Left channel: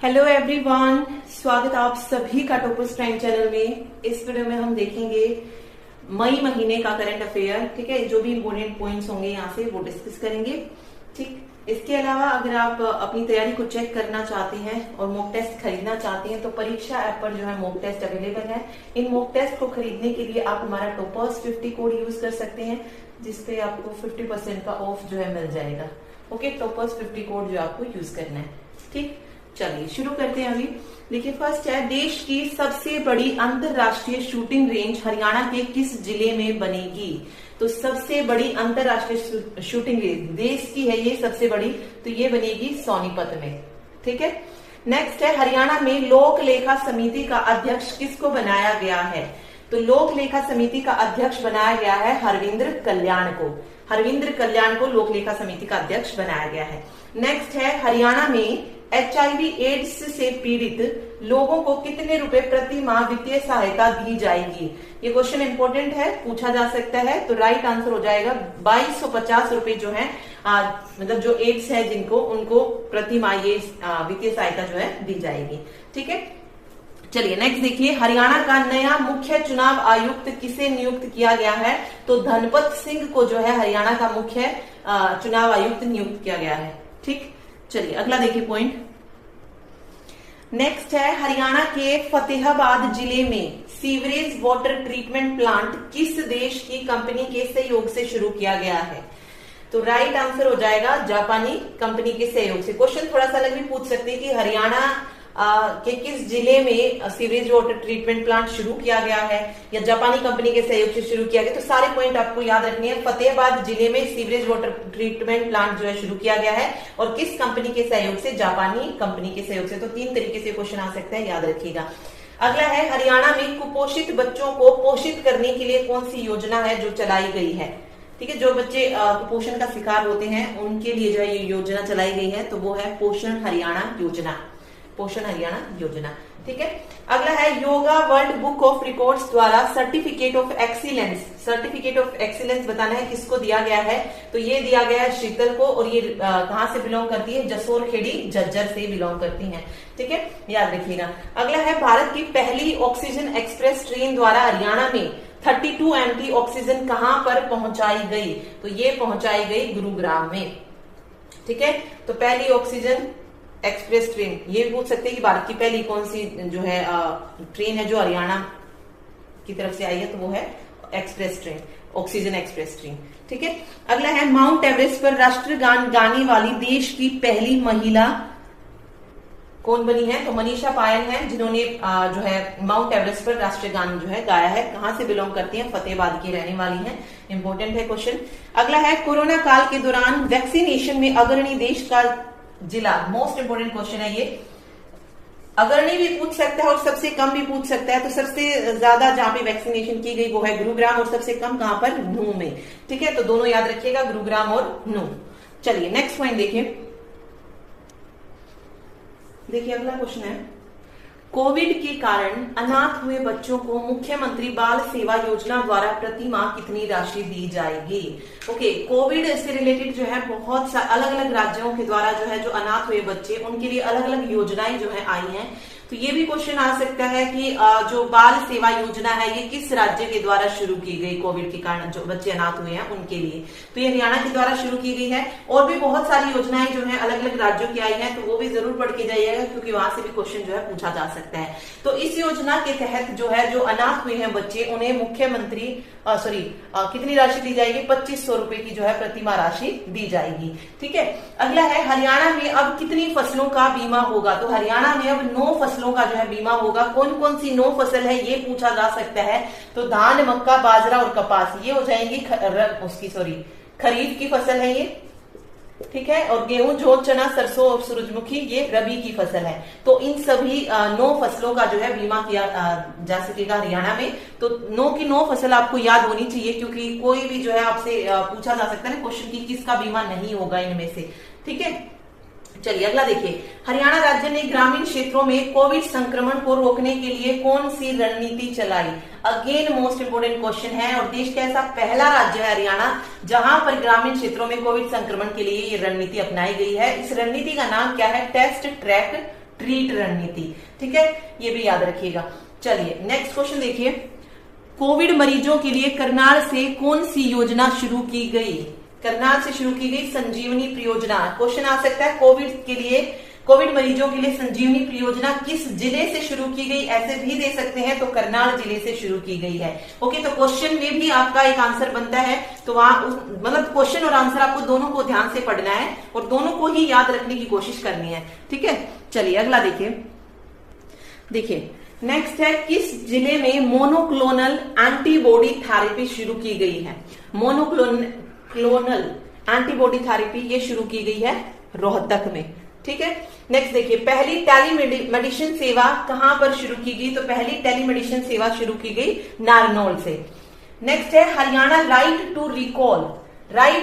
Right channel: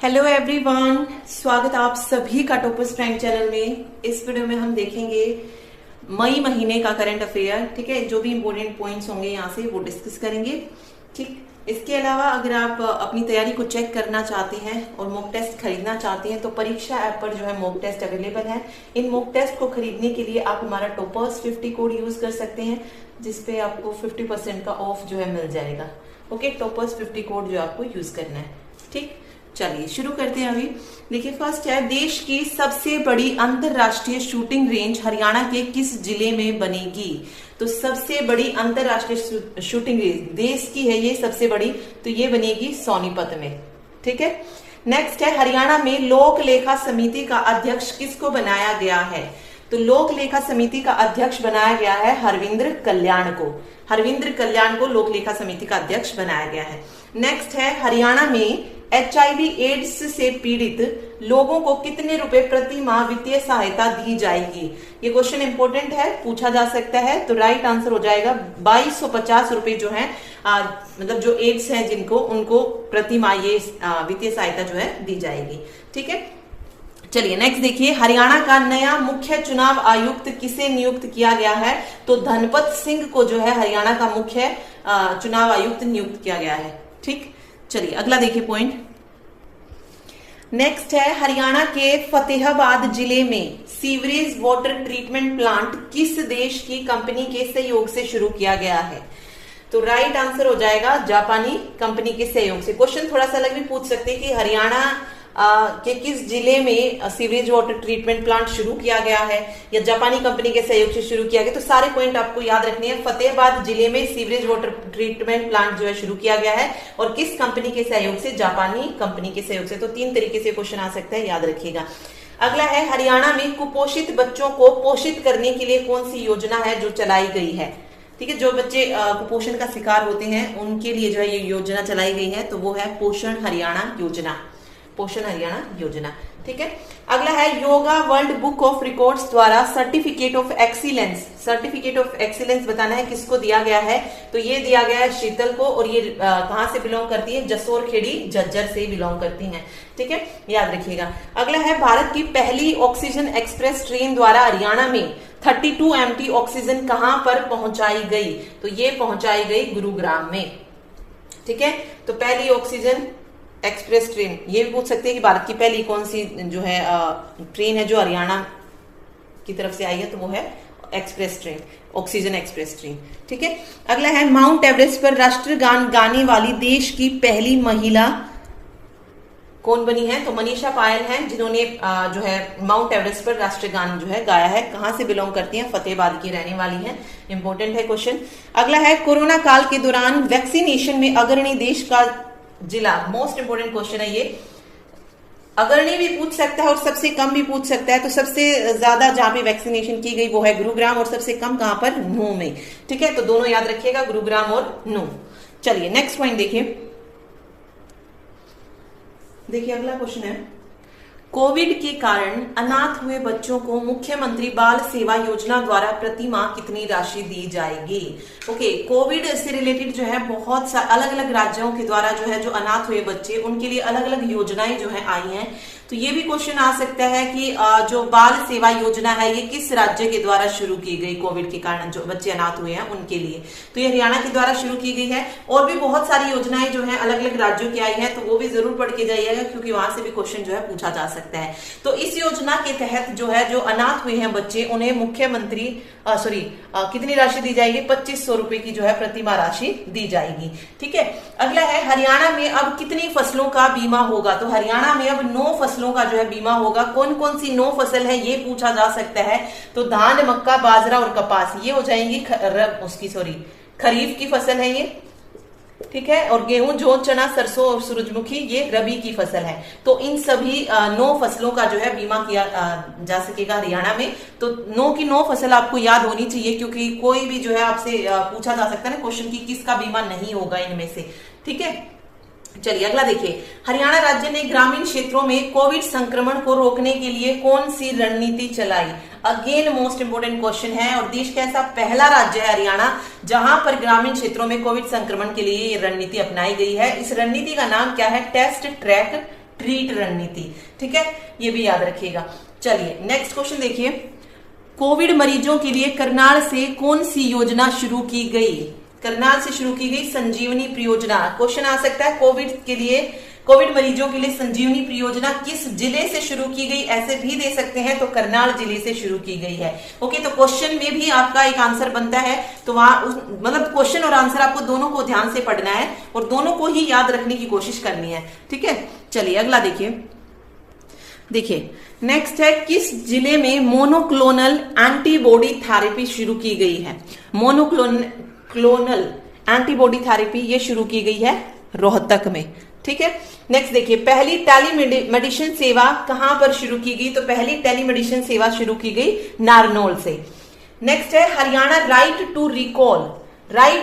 Hello everyone, स्वागत है आप सभी का टॉपर्स प्राइम चैनल में। इस वीडियो में हम देखेंगे मई महीने का करंट अफेयर। ठीक है, जो भी इंपॉर्टेंट पॉइंट्स होंगे यहाँ से वो डिस्कस करेंगे। ठीक, इसके अलावा अगर आप अपनी तैयारी को चेक करना चाहते हैं और मॉक टेस्ट खरीदना चाहते हैं तो परीक्षा ऐप पर जो है मॉक टेस्ट अवेलेबल है। इन मॉक टेस्ट को खरीदने के लिए आप हमारा टॉपर्स 50 कोड यूज कर सकते हैं, जिसपे आपको 50% का ऑफ जो है मिल जाएगा। ओके, टॉपर्स 50 कोड जो आपको यूज करना है। ठीक, चलिए शुरू करते हैं। अभी देखिए, फर्स्ट है, देश की सबसे बड़ी अंतरराष्ट्रीय शूटिंग रेंज हरियाणा के किस जिले में बनेगी? तो सबसे बड़ी अंतरराष्ट्रीय शूटिंग रेंज देश की है ये सबसे बड़ी, तो ये बनेगी सोनीपत में। ठीक है, नेक्स्ट है, हरियाणा में लोक लेखा समिति का अध्यक्ष किसको बनाया गया है? तो लोक लेखा समिति का अध्यक्ष बनाया गया है हरविंद्र कल्याण को। हरविंद्र कल्याण को लोक लेखा समिति का अध्यक्ष बनाया गया है। नेक्स्ट है, हरियाणा में HIV एड्स से पीड़ित लोगों को कितने रुपए प्रति माह वित्तीय सहायता दी जाएगी? ये क्वेश्चन इंपॉर्टेंट है, पूछा जा सकता है। तो राइट आंसर हो जाएगा 2250 रुपए जो है मतलब जो एड्स है जिनको, उनको प्रति माह ये वित्तीय सहायता जो है दी जाएगी। ठीक है, चलिए नेक्स्ट देखिए, हरियाणा का नया मुख्य चुनाव आयुक्त किसे नियुक्त किया गया है? तो धनपत सिंह को जो है हरियाणा का मुख्य चुनाव आयुक्त नियुक्त किया गया है। ठीक, चलिए अगला देखिए पॉइंट। नेक्स्ट है, हरियाणा के फतेहाबाद जिले में सीवरेज वाटर ट्रीटमेंट प्लांट किस देश की कंपनी के सहयोग से शुरू किया गया है? तो राइट आंसर हो जाएगा जापानी कंपनी के सहयोग से। क्वेश्चन थोड़ा सा अलग भी पूछ सकते हैं कि हरियाणा के किस जिले में सीवरेज वाटर ट्रीटमेंट प्लांट शुरू किया गया है या जापानी कंपनी के सहयोग से शुरू किया गया। तो सारे पॉइंट आपको याद रखने हैं। फतेहाबाद जिले में सीवरेज वाटर ट्रीटमेंट प्लांट जो है शुरू किया गया है और किस कंपनी के सहयोग से? जापानी कंपनी के सहयोग से। तो 3 तरीके से क्वेश्चन आ सकता है, याद रखिएगा। अगला है, हरियाणा में कुपोषित बच्चों को पोषित करने के लिए कौन सी योजना है जो चलाई गई है? ठीक है, जो बच्चे कुपोषण का शिकार होते हैं उनके लिए जो है ये योजना चलाई गई है, तो वो है पोषण हरियाणा योजना। पोषण हरियाणा योजना। ठीक है, अगला है, yoga world book of records द्वारा सर्टिफिकेट ऑफ एक्सीलेंस बताना है किसको दिया गया है? तो ये दिया गया है शीतल को, और ये कहां से बिलोंग करती है? जसोर खेड़ी झज्जर से बिलोंग करती हैं। ठीक है, याद रखिएगा। अगला है, भारत की पहली ऑक्सीजन एक्सप्रेस ट्रेन द्वारा हरियाणा में 32 MT ऑक्सीजन कहां पर पहुंचाई गई? तो ये पहुंचाई गई गुरुग्राम में। ठीक है, तो पहली ऑक्सीजन एक्सप्रेस ट्रेन, ये भी पूछ सकते हैं कि भारत की पहली कौन सी जो है ट्रेन है जो हरियाणा की तरफ से आई है? तो वो है express train, oxygen express train. ठीक है, अगला है, माउंट एवरेस्ट पर राष्ट्रगान गाने वाली देश की पहली महिला कौन बनी है? तो मनीषा पायल है, जिन्होंने जो है माउंट एवरेस्ट पर राष्ट्रगान जो है गाया है। कहां से बिलोंग करती हैं? फतेहाबाद की रहने वाली है। इंपॉर्टेंट है क्वेश्चन। अगला है, कोरोना काल के दौरान वैक्सीनेशन में अग्रणी देश का जिला। मोस्ट इंपोर्टेंट क्वेश्चन है ये। अग्रणी भी पूछ सकता है और सबसे कम भी पूछ सकता है। तो सबसे ज्यादा जहां पे वैक्सीनेशन की गई वो है गुरुग्राम, और सबसे कम कहां पर? नूह में। ठीक है, तो दोनों याद रखिएगा, गुरुग्राम और नूह। चलिए नेक्स्ट पॉइंट देखिए। देखिए अगला क्वेश्चन है, कोविड के कारण अनाथ हुए बच्चों को मुख्यमंत्री बाल सेवा योजना द्वारा प्रति माह कितनी राशि दी जाएगी? ओके, कोविड से रिलेटेड जो है बहुत सा अलग अलग राज्यों के द्वारा जो है जो अनाथ हुए बच्चे, उनके लिए अलग अलग योजनाएं जो है आई हैं। तो ये भी क्वेश्चन आ सकता है कि जो बाल सेवा योजना है ये किस राज्य के द्वारा शुरू की गई? कोविड के कारण जो बच्चे अनाथ हुए हैं उनके लिए, तो ये हरियाणा के द्वारा शुरू की गई है। और भी बहुत सारी योजनाएं जो है अलग अलग राज्यों की आई है, तो वो भी जरूर पढ़ के जाइएगा, क्योंकि वहां से भी क्वेश्चन जो है पूछा जा सकता है। तो इस योजना के तहत जो है जो अनाथ हुए हैं बच्चे, उन्हें मुख्यमंत्री कितनी राशि दी जाएगी? 2500 रुपए की जो है प्रति माह राशि दी जाएगी। ठीक है, अगला है, हरियाणा में अब कितनी फसलों का बीमा होगा? तो हरियाणा में अब 9 फसलों का जो है बीमा होगा। कौन कौन सी 9 फसल है ये पूछा जा सकता है। तो धान, मक्का, बाजरा और कपास ये हो जाएंगी खरीफ की फसल है ये। ठीक है, और गेहूं, जौ, चना, सरसों और सूरजमुखी ये रबी की फसल है। तो इन सभी 9 फसलों का जो है बीमा किया जा सकेगा हरियाणा में। तो 9 की 9 फसल आपको याद होनी चाहिए, क्योंकि कोई भी जो है आपसे पूछा जा सकता है ना क्वेश्चन की किसका बीमा नहीं होगा इनमें से। ठीक है, चलिए अगला देखिए, हरियाणा राज्य ने ग्रामीण क्षेत्रों में कोविड संक्रमण को रोकने के लिए कौन सी रणनीति चलाई? अगेन मोस्ट इंपोर्टेंट क्वेश्चन है, और देश का ऐसा पहला राज्य है हरियाणा जहां पर ग्रामीण क्षेत्रों में कोविड संक्रमण के लिए ये रणनीति अपनाई गई है। इस रणनीति का नाम क्या है? टेस्ट, ट्रैक, ट्रीट रणनीति। ठीक है, ये भी याद रखिएगा। चलिए नेक्स्ट क्वेश्चन देखिए, कोविड मरीजों के लिए करनाल से कौन सी योजना शुरू की गई? करनाल से शुरू की गई संजीवनी परियोजना। क्वेश्चन आ सकता है कोविड मरीजों के लिए संजीवनी परियोजना किस जिले से शुरू की गई, ऐसे भी दे सकते हैं, तो करनाल जिले से शुरू की गई है। ओके, तो क्वेश्चन में भी आपका एक आंसर बनता है, तो वहां मतलब क्वेश्चन और आंसर आपको दोनों को ध्यान से पढ़ना है और दोनों को ही याद रखने की कोशिश करनी है। ठीक है, चलिए अगला देखिए नेक्स्ट है, किस जिले में मोनोक्लोनल एंटीबॉडी थेरेपी शुरू की गई है? मोनोक्लोनल एंटीबॉडी थेरेपी ये शुरू की गई है रोहतक में। ठीक है, नेक्स्ट देखिए, पहली टेलीमेडिसिन सेवा कहां पर शुरू की गई? तो पहली टेलीमेडिसिन सेवा शुरू की गई नारनौल से। नेक्स्ट है, हरियाणा राइट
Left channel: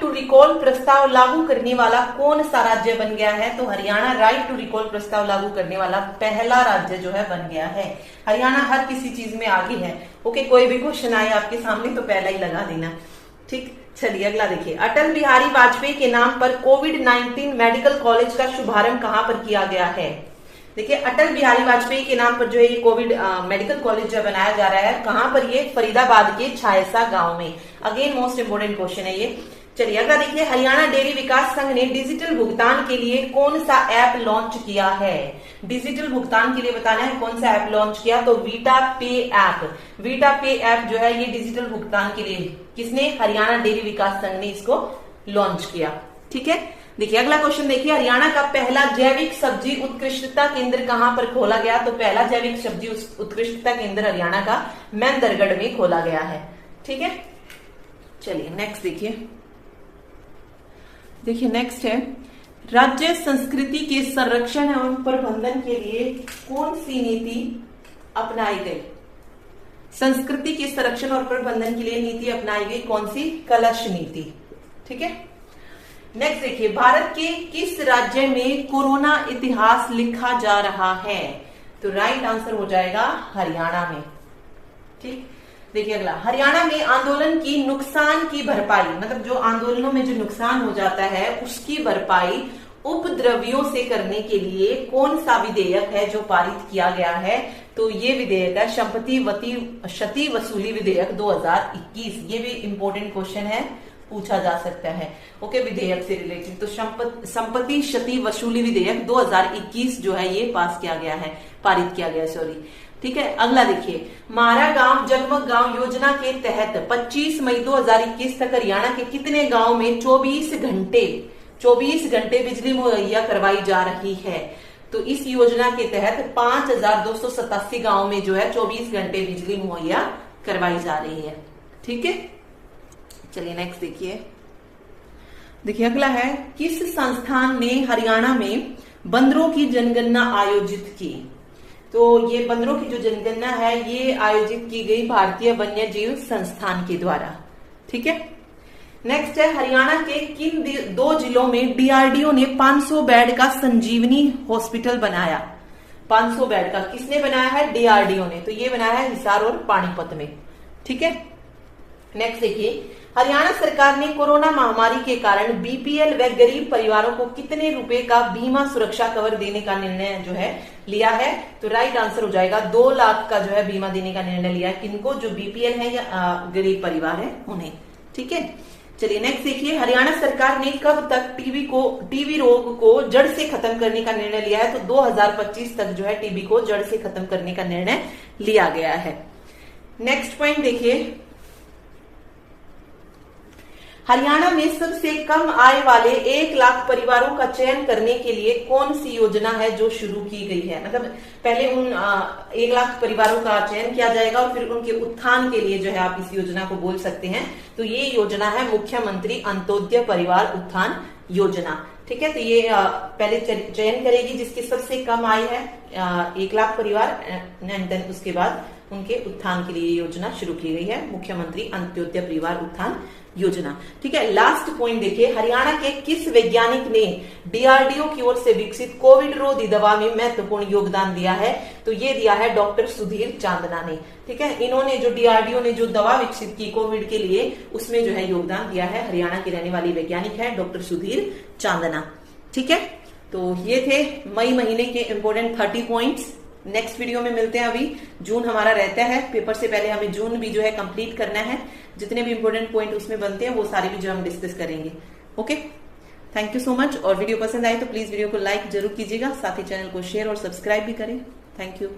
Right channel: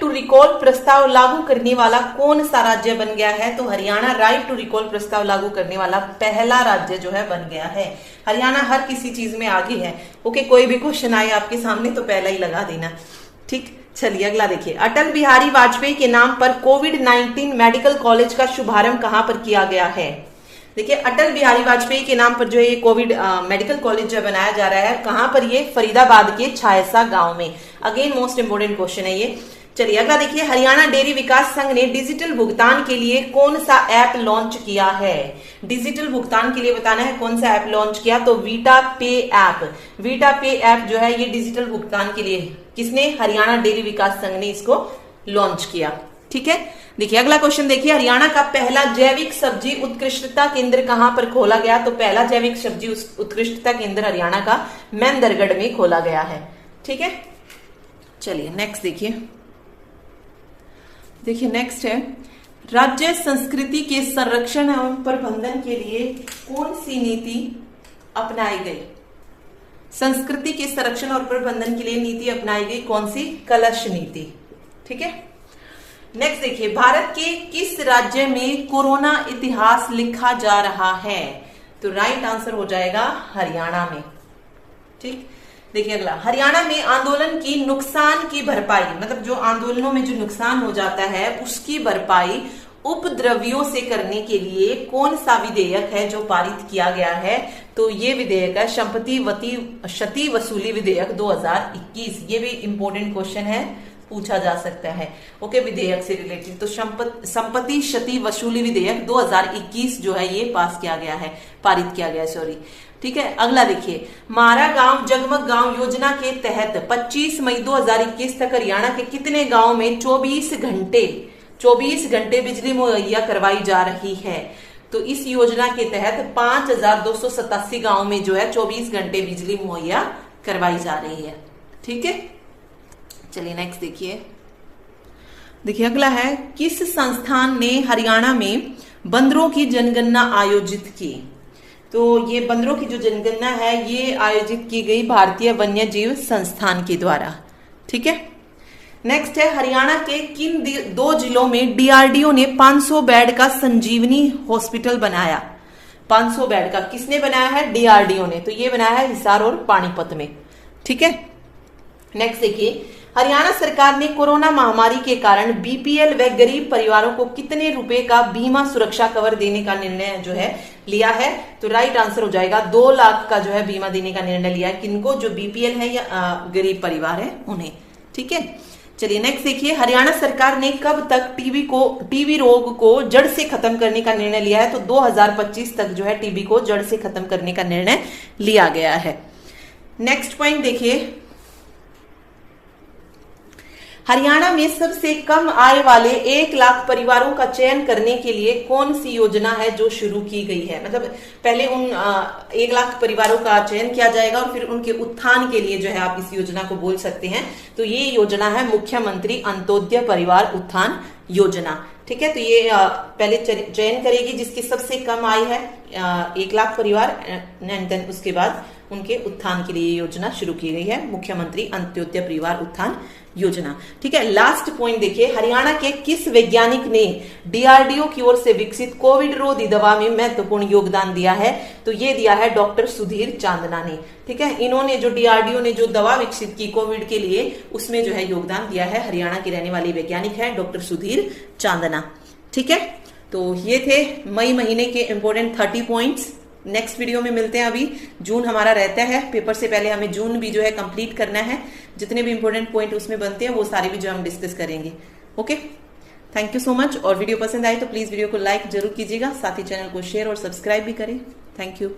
टू रिकॉल प्रस्ताव लागू करने वाला कौन सा राज्य बन गया है? तो हरियाणा राइट टू रिकॉल प्रस्ताव लागू करने वाला पहला राज्य जो है बन गया है। हरियाणा हर किसी चीज में आगे है। ओके, कोई भी क्वेश्चन आए आपके सामने तो पहला ही लगा देना। ठीक, चलिए अगला देखिए, अटल बिहारी वाजपेयी के नाम पर कोविड-19 मेडिकल कॉलेज का शुभारंभ कहां पर किया गया है? देखिए, अटल बिहारी वाजपेयी के नाम पर जो है ये कोविड मेडिकल कॉलेज जो बनाया जा रहा है, कहां पर? ये फरीदाबाद के छायसा गांव में। अगेन मोस्ट इंपोर्टेंट क्वेश्चन है ये। चलिए अगला देखिए, हरियाणा डेयरी विकास संघ ने डिजिटल भुगतान के लिए कौन सा ऐप लॉन्च किया है? डिजिटल भुगतान के लिए बताना है कौन सा ऐप लॉन्च किया, तो वीटा पे ऐप। वीटा पे ऐप जो है ये डिजिटल भुगतान के लिए किसने? हरियाणा डेयरी विकास संघ ने इसको लॉन्च किया। ठीक है, देखिए अगला क्वेश्चन देखिए, हरियाणा का पहला जैविक सब्जी उत्कृष्टता केंद्र कहां पर खोला गया? तो पहला जैविक सब्जी उत्कृष्टता केंद्र हरियाणा का मेहंदरगढ़ में खोला गया है। ठीक है, चलिए नेक्स्ट देखिए नेक्स्ट है, राज्य संस्कृति के संरक्षण एवं प्रबंधन के लिए कौन सी नीति अपनाई गई? संस्कृति के संरक्षण और प्रबंधन के लिए नीति अपनाई गई कौन सी? कलश नीति। ठीक है, नेक्स्ट देखिए, भारत के किस राज्य में कोरोना इतिहास लिखा जा रहा है? तो राइट आंसर हो जाएगा हरियाणा में। ठीक, देखिए अगला, हरियाणा में आंदोलन की नुकसान की भरपाई, मतलब जो आंदोलनों में जो नुकसान हो जाता है उसकी भरपाई उपद्रवियों से करने के लिए कौन सा विधेयक है जो पारित किया गया है? तो ये विधेयक है क्षति वसूली विधेयक 2021। ये भी इंपॉर्टेंट क्वेश्चन है, पूछा जा सकता है। ओके, विधेयक से रिलेटेड, तो संपत्ति क्षति वसूली विधेयक 2021 जो है ये पारित किया गया है, सॉरी। ठीक है, अगला देखिए, मारा गांव जगमग गांव योजना के तहत 25 मई 2021 तक हरियाणा के कितने गांव में 24 घंटे बिजली मुहैया करवाई जा रही है? तो इस योजना के तहत 5287 गांव में जो है 24 घंटे बिजली मुहैया करवाई जा रही है। ठीक है, चलिए नेक्स्ट देखिए अगला है, किस संस्थान ने हरियाणा में बंदरों की जनगणना आयोजित की? तो ये बंदरों की जो जनगणना है ये आयोजित की गई भारतीय वन्य जीव संस्थान के द्वारा। ठीक है, नेक्स्ट है, हरियाणा के किन 2 जिलों में डीआरडीओ ने 500 बेड का संजीवनी हॉस्पिटल बनाया? 500 बेड का किसने बनाया है? डीआरडीओ ने। तो ये बनाया है हिसार और पानीपत में। ठीक है, नेक्स्ट देखिए, हरियाणा सरकार ने कोरोना महामारी के कारण बीपीएल व गरीब परिवारों को कितने रुपए का बीमा सुरक्षा कवर देने का निर्णय जो है लिया है? तो राइट आंसर हो जाएगा 2 लाख का जो है बीमा देने का निर्णय लिया है। किनको? जो बीपीएल है या गरीब परिवार है उन्हें। ठीक है, चलिए नेक्स्ट देखिए, हरियाणा सरकार ने कब तक टीबी रोग को जड़ से खत्म करने का निर्णय लिया है? तो 2025 तक जो है टीबी को जड़ से खत्म करने का निर्णय लिया गया है। नेक्स्ट पॉइंट देखिए, हरियाणा में सबसे कम आय वाले 1 लाख परिवारों का चयन करने के लिए कौन सी योजना है जो शुरू की गई है? मतलब पहले उन 1 लाख परिवारों का चयन किया जाएगा और फिर उनके उत्थान के लिए जो है आप इस योजना को बोल सकते हैं। तो ये योजना है मुख्यमंत्री अंत्योदय परिवार उत्थान योजना। ठीक है, तो ये पहले चयन करेगी जिसकी सबसे कम आय है 1 लाख परिवार, एंड देन उसके बाद उनके उत्थान के लिए योजना शुरू की गई है, मुख्यमंत्री अंत्योदय परिवार उत्थान योजना। ठीक है, लास्ट पॉइंट देखिए, हरियाणा के किस वैज्ञानिक ने डीआरडीओ की ओर से विकसित कोविड रोधी दवा में महत्वपूर्ण योगदान दिया है? तो ये दिया है डॉक्टर सुधीर चांदना ने। ठीक है, इन्होंने जो डीआरडीओ ने जो दवा विकसित की कोविड के लिए उसमें जो है योगदान दिया है। हरियाणा के रहने वाले वैज्ञानिक है डॉक्टर सुधीर चांदना। ठीक है, तो ये थे मई महीने के इम्पोर्टेंट 30 पॉइंट्स। नेक्स्ट वीडियो में मिलते हैं। अभी जून हमारा रहता है, पेपर से पहले हमें जून भी जो है कंप्लीट करना है। जितने भी इंपॉर्टेंट पॉइंट उसमें बनते हैं वो सारे भी जो हम डिस्कस करेंगे। Okay, thank you so much. और वीडियो पसंद आए तो प्लीज वीडियो को लाइक जरूर कीजिएगा, साथ ही चैनल को शेयर और सब्सक्राइब भी करें। Thank you.